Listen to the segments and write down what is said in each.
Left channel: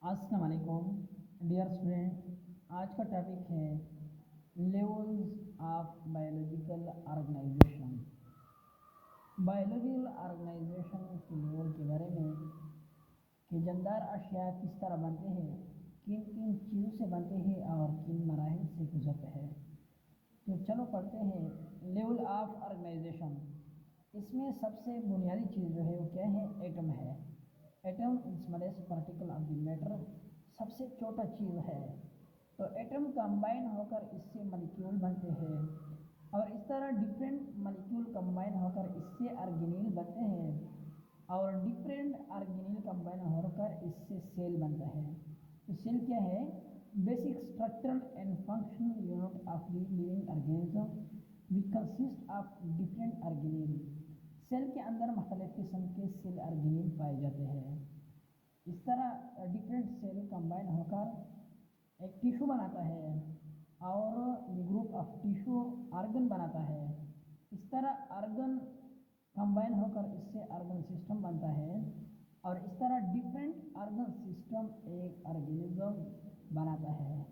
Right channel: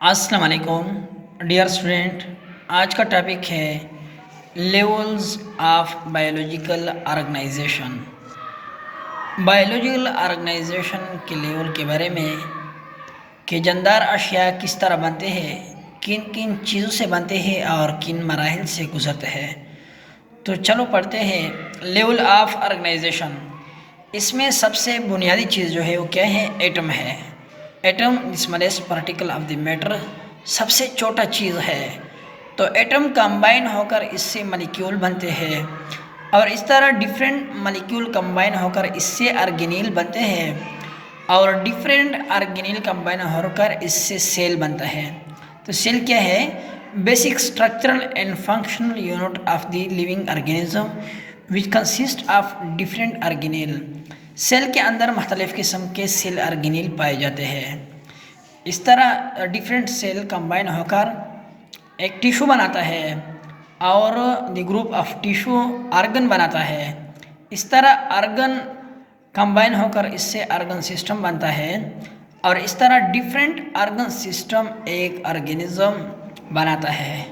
अस्सलाम वालेकुम dear student. आज का टॉपिक है levels of biological organization. Biological organization के लेवल के बारे में कि जानदार अशिया किस तरह बनते हैं, किन किन चीज़ों से बनते हैं और किन मराहिल से गुजरते हैं। तो चलो पढ़ते हैं लेवल ऑफ ऑर्गेनाइजेशन। इसमें सबसे बुनियादी चीज़ जो है वो क्या है? एटम है। Atom smallest particle of the matter, सबसे छोटा चीज़ है। तो एटम कंबाइन होकर इससे मॉलिक्यूल बनते हैं और इस तरह डिफरेंट मॉलिक्यूल कंबाइन होकर इससे ऑर्गेनील बनते हैं और डिफरेंट ऑर्गेनील कंबाइन होकर इससे सेल बनता है। तो सेल क्या है? Basic structural and functional unit of the living organism which consist of different organelle. Cell के अंदर मुख्तलिफ़ किस्म के सेल ऑर्गेनील पाए जाते हैं। इस तरह डिफरेंट सेल कंबाइन होकर एक टिश्यू बनाता है और the group of tissue organ बनाता है। इस तरह आर्गन कंबाइन होकर इससे आर्गन सिस्टम बनता है और इस तरह डिफरेंट आर्गन सिस्टम एक ऑर्गेनिज्म बनाता है।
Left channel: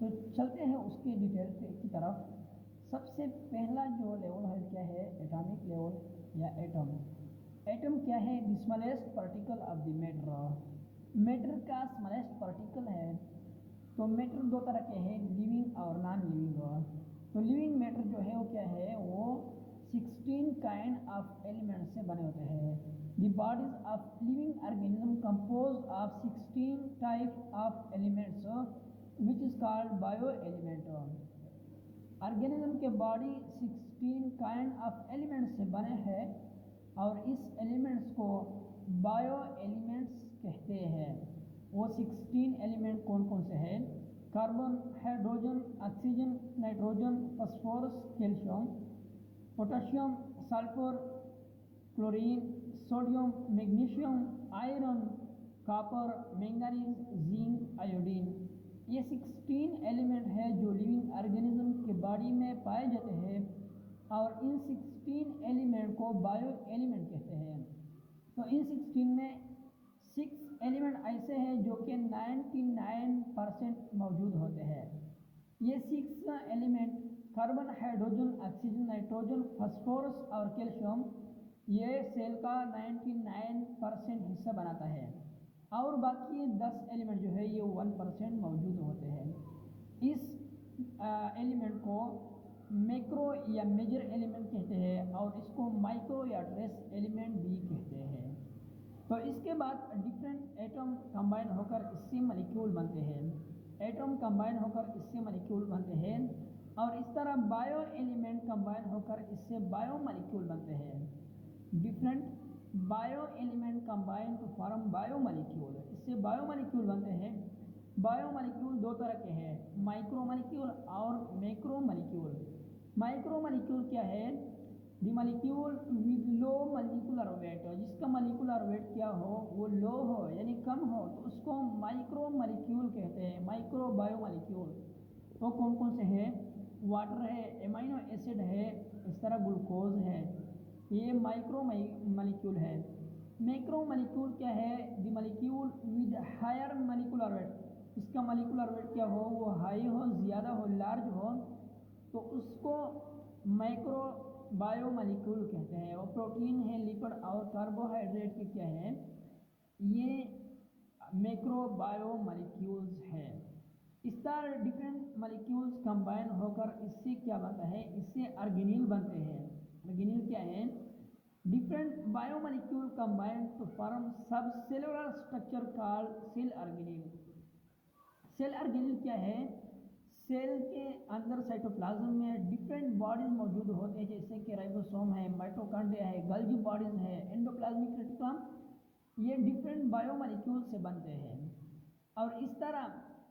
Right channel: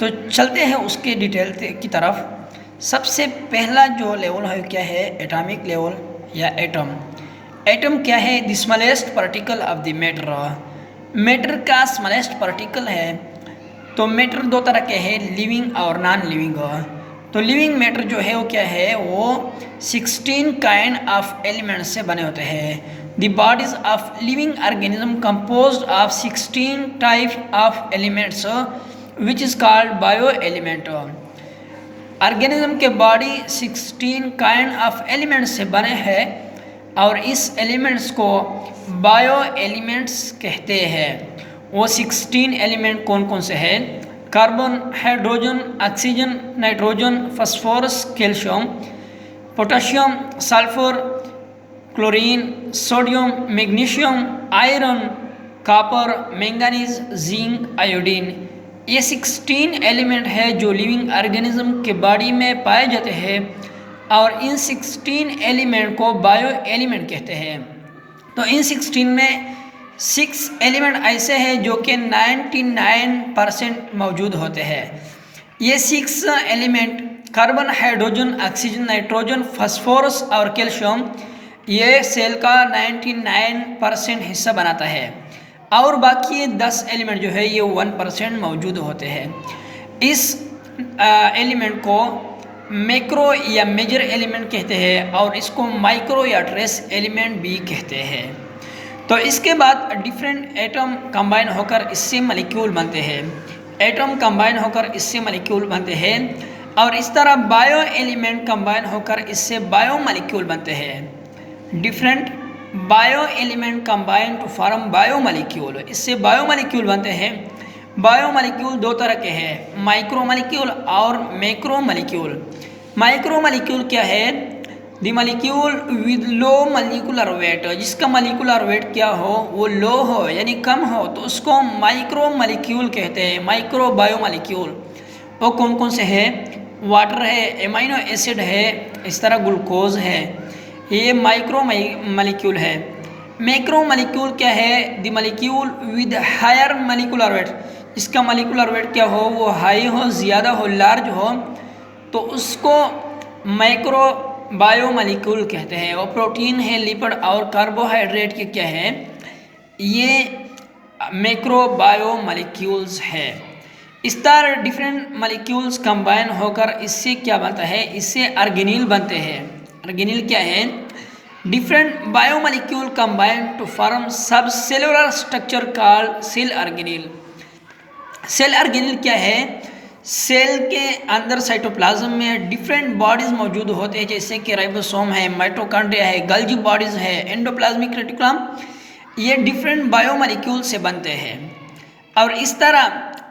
तो चलते हैं उसके डिटेल की तरफ। सबसे पहला जो लेवल है क्या है? एटॉमिक लेवल या एटम। एटम क्या है? The smallest particle of the matter. Matter का स्मॉलेस्ट पार्टिकल है। तो मैटर दो तरह के हैं, लिविंग और नॉन लिविंग। तो लिविंग मैटर जो है वो क्या है? वो 16 काइंड ऑफ एलिमेंट्स से बने होते हैं। The bodies of living organism composed of 16 type of elements which is called bio element. Organism के बॉडी 16 काइंड ऑफ एलिमेंट्स से बने हैं और इस एलिमेंट्स को बायो एलिमेंट्स कहते हैं। वो 16 एलिमेंट कौन कौन से हैं? Carbon, hydrogen, oxygen, nitrogen, phosphorus, calcium, potassium, sulphur, chlorine, sodium, magnesium, iron, copper, manganese, zinc, iodine. ये 16 एलिमेंट है जो लिविंग ऑर्गेनिज्म के बॉडी में पाए जाते हैं और इन 16 एलिमेंट को बायो एलिमेंट कहते हैं। तो इन 16 में 6 एलिमेंट ऐसे हैं जो कि 99% मौजूद होते हैं। ये 6 element carbon, hydrogen, oxygen, nitrogen, phosphorus और कैल्शियम ये सेल का 99% हिस्सा बनाता है और बाकी ये 10 एलिमेंट जो है ये 1% मौजूद होते हैं। इस एलिमेंट को मैक्रो या मेजर एलिमेंट कहते हैं और इसको माइक्रो या ट्रेस एलिमेंट भी कहते हैं। तो इसके बाद डिफरेंट एटम कंबाइन होकर इससे मॉलिक्यूल बनते हैं। एटम कंबाइन होकर इससे मॉलिक्यूल बनते हैं और इस तरह बायो एलिमेंट कंबाइन होकर इससे बायो मॉलिक्यूल बनते हैं। Different bio element combine to form bio molecule, इससे बायो मॉलिक्यूल बनते हैं। बायो मॉलिक्यूल दो तरह के हैं, माइक्रो मॉलिक्यूल और मैक्रो मॉलिक्यूल। माइक्रो मॉलिक्यूल क्या है? The molecule with low molecular weight, जिसका मॉलिक्यूलर वेट क्या हो? वो लो हो यानी कम हो, तो उसको माइक्रो मॉलिक्यूल कहते हैं। माइक्रो बायो मॉलिक्यूल वो कौन कौन से हैं? वाटर है, एमाइनो एसिड है, इस तरह ग्लूकोज है, ये माइक्रो मॉलिक्यूल है। मैक्रो मॉलिक्यूल क्या है? The molecule with higher molecular weight, इसका मॉलिक्यूलर वेट क्या हो? वो हाई हो, ज़्यादा हो, लार्ज हो, तो उसको मैक्रो बायो मॉलिक्यूल कहते हैं। वो प्रोटीन है, लिपिड और कार्बोहाइड्रेट के क्या है? ये मैक्रो बायो मॉलिक्यूल्स है। इस तरह डिफरेंट मॉलिक्यूल्स कंबाइन होकर इससे क्या बनता है? इससे ऑर्गेनील बनते हैं। ऑर्गेनील क्या है? Different biomolecule combine to form sub cellular structure called cell organelle. Cell organelle क्या है? सेल के अंदर साइटोप्लाज्म में डिफरेंट बॉडीज मौजूद होते हैं, जैसे कि राइबोसोम है, माइटोकॉन्ड्रिया है, गल्जी बॉडीज है, एंडोप्लाज्मिक रेटिकुलम। ये डिफरेंट बायोमॉलिक्यूल से बनते हैं और इस तरह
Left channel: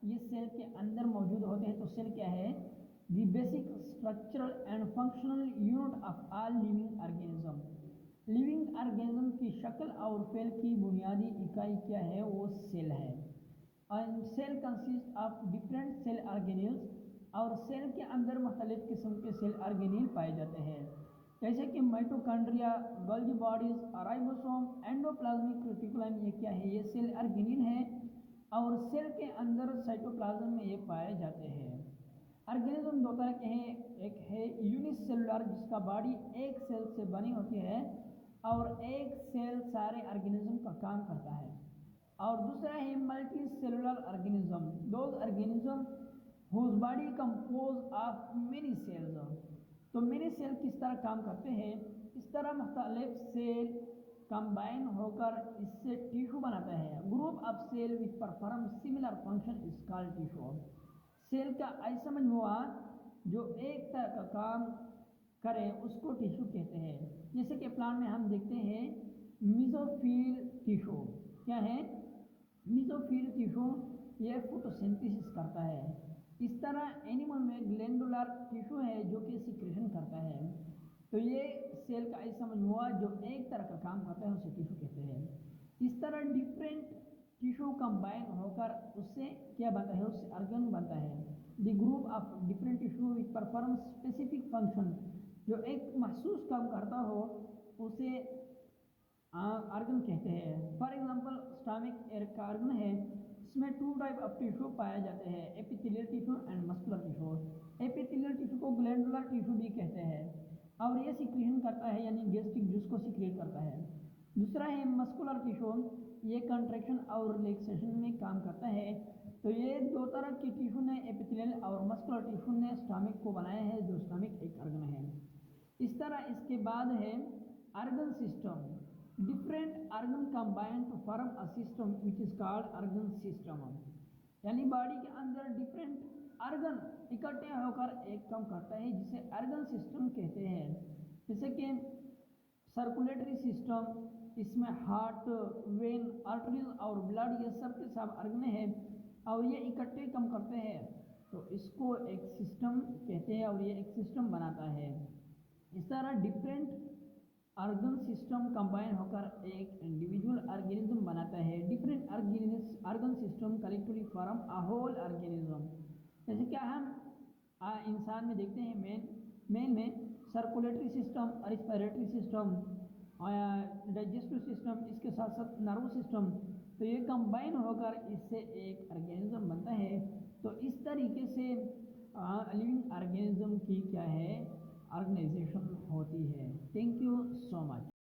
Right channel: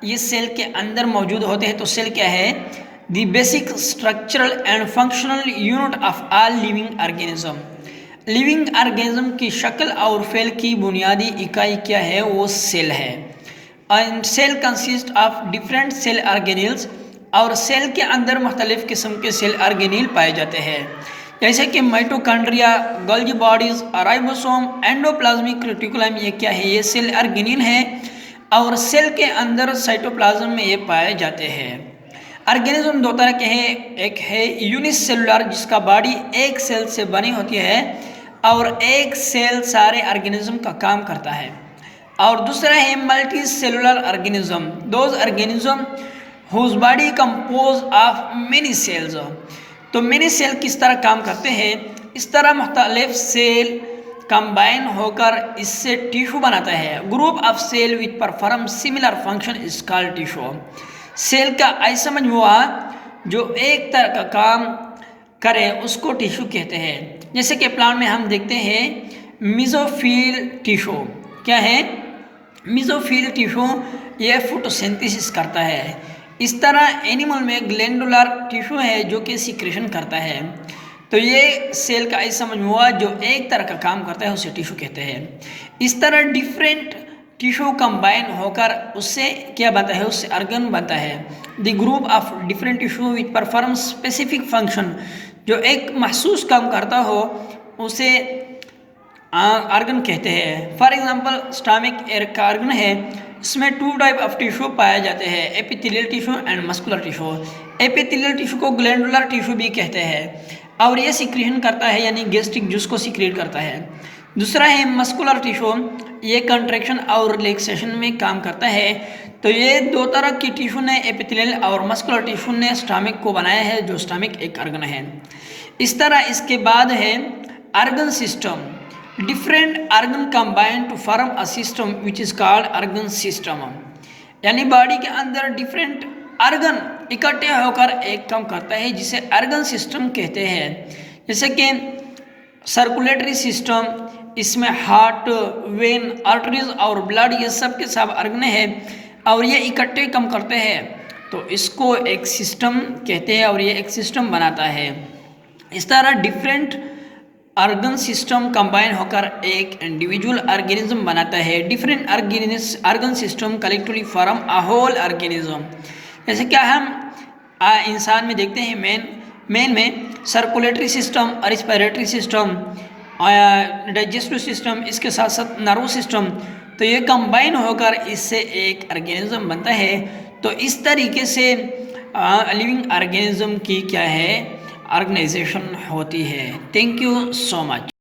ये सेल के अंदर मौजूद होते हैं। तो सेल क्या है? The basic structural and functional unit of all living organism. Living organism की शक्ल और फेल की बुनियादी इकाई क्या है? वो सेल है। And cell consist of different cell organelles, और सेल के अंदर मुख्तलिफ किस्म के सेल ऑर्गेनील पाए जाते हैं, जैसे कि mitochondria, Golgi bodies, ribosome, endoplasmic reticulum. ये क्या है? ये सेल ऑर्गेनील है और सेल के अंदर साइटोप्लाज्म में ये पाए जाते हैं। ऑर्गेनिज्म दो तरह के हैं, एक है यूनिसेलुलर जिसका बॉडी एक सेल से बनी होती है और एक सेल सारे ऑर्गेनिज्म का काम करता है, और दूसरा है multi cellular organism, those organism whose body compose of many cells. तो मेनी सेल किस तरह काम करते हैं, इस तरह मुख्तलिफ सेल कंबाइन होकर इससे टिश्यू बनाता है। Group of cell which perform similar function is called tissue. Cell का ऐसा मजमुआ जो एक तरह का काम करे उसको टिश्यू कहते हैं। जैसे कि प्लांट में हम देखते हैं मेसोफिल टिश्यू, क्या है मेसोफिल टिश्यू, ये फोटोसिंथेसिस करता है। इस तरह एनिमल में ग्लैंडुलर टिश्यू है जो कि सिक्रेशन करता है। तो ये सेल का ऐसा मजमुआ जो एक तरह का काम करता है उसे टिश्यू कहते हैं। इस तरह डिफरेंट टिश्यू कंबाइन होकर उससे क्या बनता है, उससे ऑर्गन बनता है। The group of different tissue which perform specific function, जो एक महसूस काम करता हो उसे ऑर्गन कहते हैं। फॉर एग्जांपल स्टमक एक ऑर्गन है, इसमें 2 टाइप ऑफ टिश्यू पाए जाते हैं, epithelial tissue and muscular tissue. Epithelial tissue को ग्लैंडुलर टिश्यू भी कहते हैं और ये सिक्रेशन करता है यानी गैस्ट्रिक जूस को सिक्रेट करता है। दूसरा है मस्कुलर टिश्यू, ये कंट्रैक्शन और रिलैक्सेशन में काम करता है। तो ये दो तरह की टिश्यू ने एपिथेलियल और मस्कुलर टिश्यू ने स्टमक को बनाया है, जो स्टमक एक ऑर्गन है। इस तरह इसके बाद है organ system, different organ combine to form a system which is called organ system. यानी बॉडी के अंदर डिफरेंट ऑर्गन इकट्ठे होकर एक काम करता है जिसे ऑर्गन सिस्टम कहते हैं। जैसे कि सर्कुलेटरी सिस्टम, इसमें हार्ट, वेन, आर्टरीज और ब्लड, ये सब के सब ऑर्गन है और ये इकट्ठे काम करते हैं, तो इसको एक सिस्टम कहते हैं और ये एक सिस्टम बनाता है। इस तरह डिफरेंट ऑर्गन सिस्टम कंबाइन होकर एक इंडिविजुअल ऑर्गेनिज्म बनाता है। Different organ system collectively form a whole organism. जैसे क्या हम इंसान में देखते हैं मेन में circulatory system, respiratory system, digestive system, इसके साथ साथ नर्व सिस्टम, तो ये कंबाइन होकर इससे एक ऑर्गेनिज्म बनता है। तो इस तरीके से लिविंग ऑर्गेनिज्म की क्या है ऑर्गेनाइजेशन होती है। Thank you so much.